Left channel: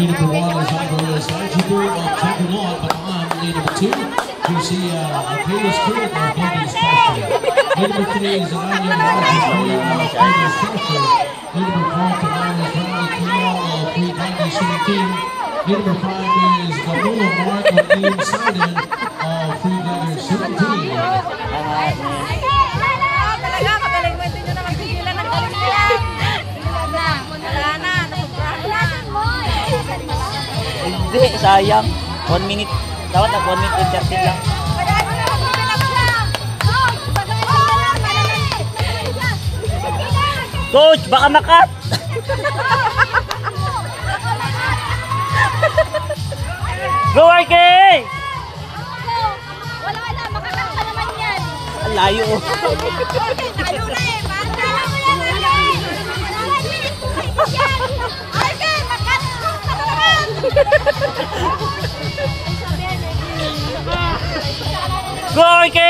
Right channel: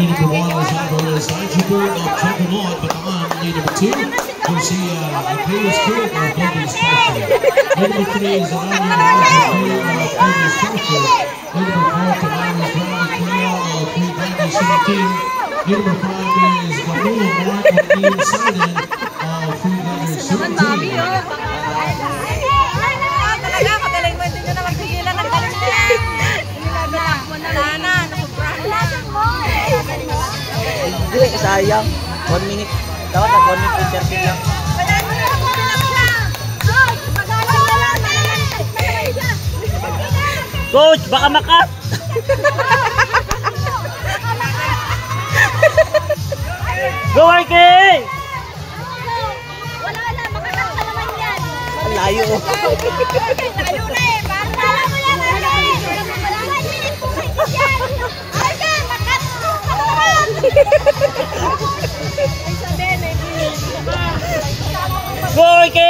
Lead number 1 is Alvarez Ajuber of Chocolaw, Bataan. Lead number 2, you see Kayla Spirit of Golden Special. Lead number 3 is Aranya Raja Queen of Golden Special. Lead number 4, Tavares Bradley Kaya of Free Bradley Shooting Team. Lead number 5 is Gamulo Mark of Team Sidon of Free Bladder Shooting Team. Hindi, sayang. 1 minute. Dapat na 1 minute and 30 lang. Coach, baka makat! Go, Arke! Wala na, makakat ka naman yan. Layo. Layo na eh. Parang tala mo yan, Arke. 1 minute kung mahigit yan. Arke, makat! Go, Arke!